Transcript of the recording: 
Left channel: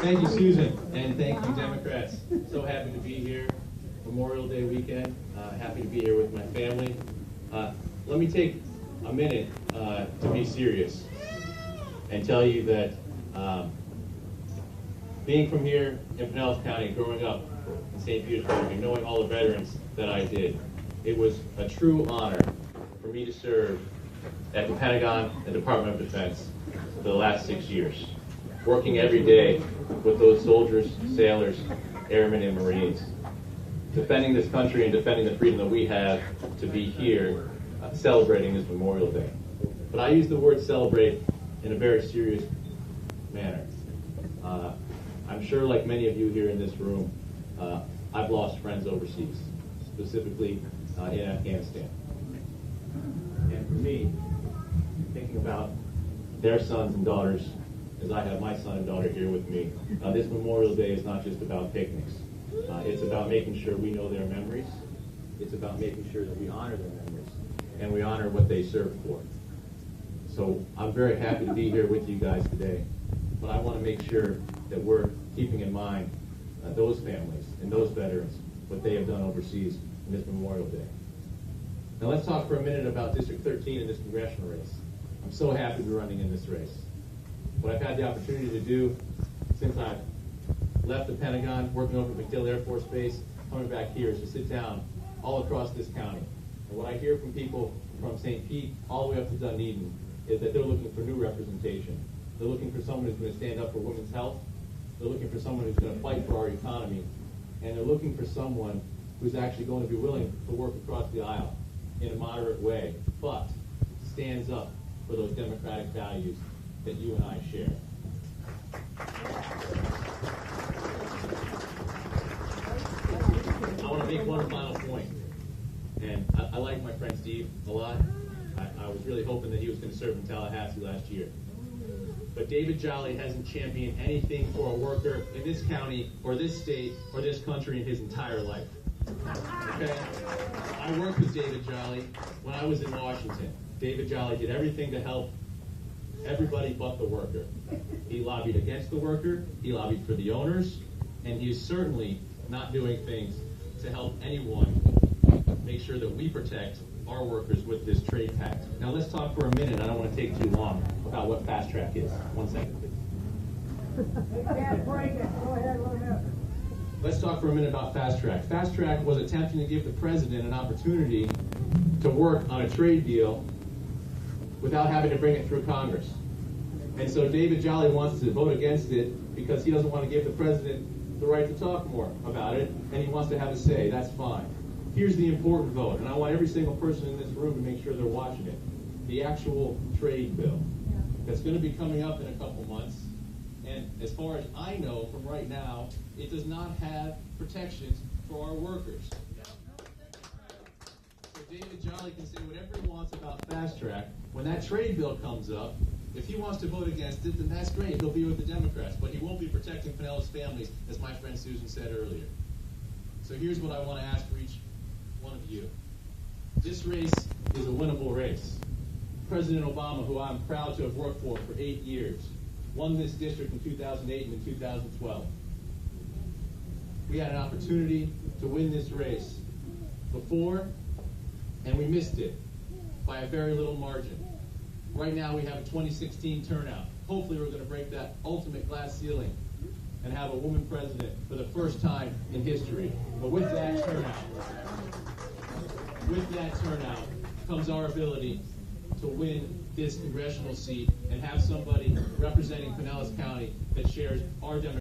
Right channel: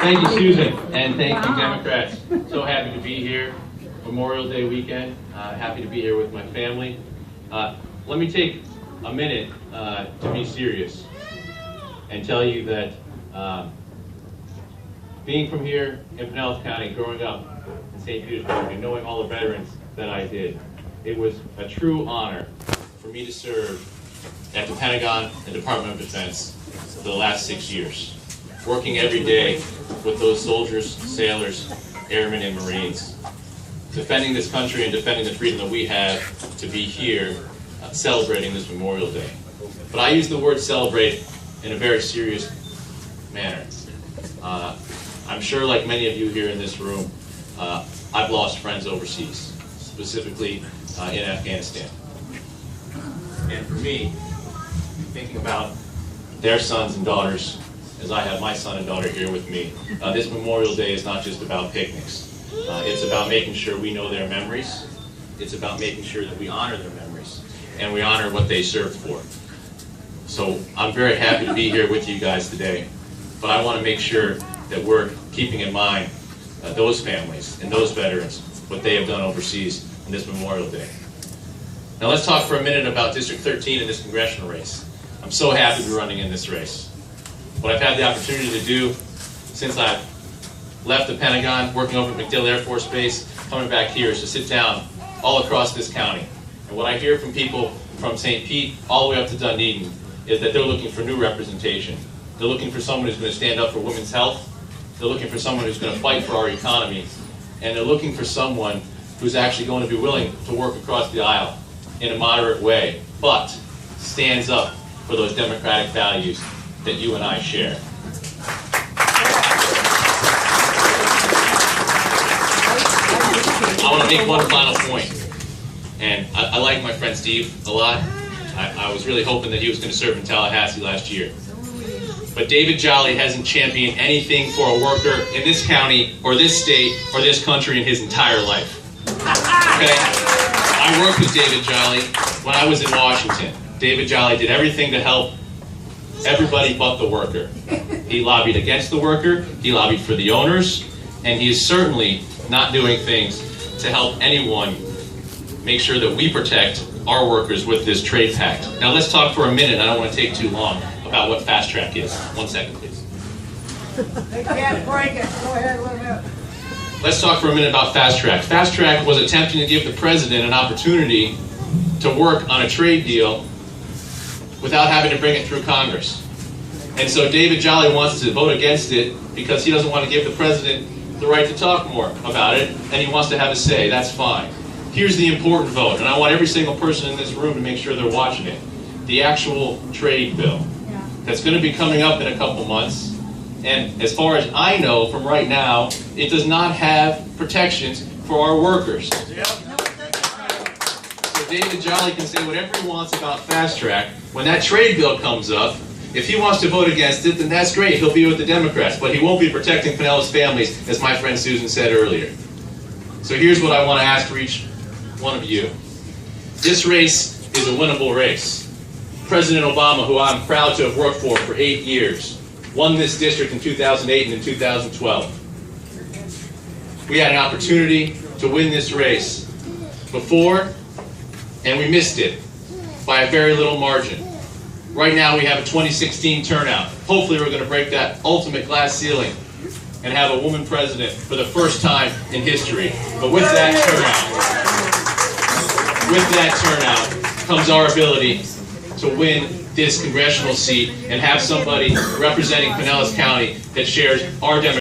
Thank you, Susan, and thank you, Democrats. So happy to be here. Memorial Day weekend. Happy to be here with my family. Let me take a minute to be serious and tell you that being from here in Pinellas County, growing up in St. Petersburg, and knowing all the veterans that I did, it was a true honor for me to serve at the Pentagon and Department of Defense for the last 6 years, working every day with those soldiers, sailors, airmen, and Marines, defending this country and defending the freedom that we have to be here celebrating this Memorial Day. But I use the word celebrate in a very serious manner. I'm sure, like many of you here in this room, I've lost friends overseas, specifically in Afghanistan. And for me, thinking about their sons and daughters, as I have my son and daughter here with me, this Memorial Day is not just about picnics. It's about making sure we know their memories. It's about making sure that we honor their memories and we honor what they served for. So I'm very happy to be here with you guys today, but I want to make sure that we're keeping in mind those families and those veterans, what they have done overseas on this Memorial Day. Now let's talk for a minute about District 13 in this congressional race. I'm so happy to be running in this race. What I've had the opportunity to do since I've left the Pentagon, working over at MacDill Air Force Base, coming back here, is to sit down all across this county. And what I hear from people from St. Pete all the way up to Dunedin is that they're looking for new representation. They're looking for someone who's going to stand up for women's health. They're looking for someone who's going to fight for our economy. And they're looking for someone who's actually going to be willing to work across the aisle in a moderate way, but stands up for those democratic values that you and I share. I want to make one final point. And I like my friend Steve a lot. I was really hoping that he was going to serve in Tallahassee last year. But David Jolly hasn't championed anything for a worker in this county or this state or this country in his entire life. Okay? I worked with David Jolly when I was in Washington. David Jolly did everything to help everybody but the worker. He lobbied against the worker, he lobbied for the owners, and he is certainly not doing things to help anyone make sure that we protect our workers with this trade pact. Now let's talk for a minute, I don't want to take too long, about what fast track is. 1 second, please. They can't break it. Go ahead, let them out. Let's talk for a minute about fast track. Fast track was attempting to give the president an opportunity to work on a trade deal without having to bring it through Congress. And so David Jolly wants to vote against it because he doesn't want to give the president the right to talk more about it, and he wants to have a say. That's fine. Here's the important vote, and I want every single person in this room to make sure they're watching it. The actual trade bill that's going to be coming up in a couple months. And as far as I know from right now, it does not have protections for our workers. So David Jolly can say whatever he wants about fast track. When that trade bill comes up, if he wants to vote against it, then that's great. He'll be with the Democrats, but he won't be protecting Pinellas families, as my friend Susan said earlier. So here's what I want to ask for each one of you. This race is a winnable race. President Obama, who I'm proud to have worked for 8 years, won this district in 2008 and in 2012. We had an opportunity to win this race before, and we missed it by a very little margin. Right now we have a 2016 turnout. Hopefully we're going to break that ultimate glass ceiling and have a woman president for the first time in history. But with that turnout comes our ability to win this congressional seat and have somebody representing Pinellas County that shares our demographic.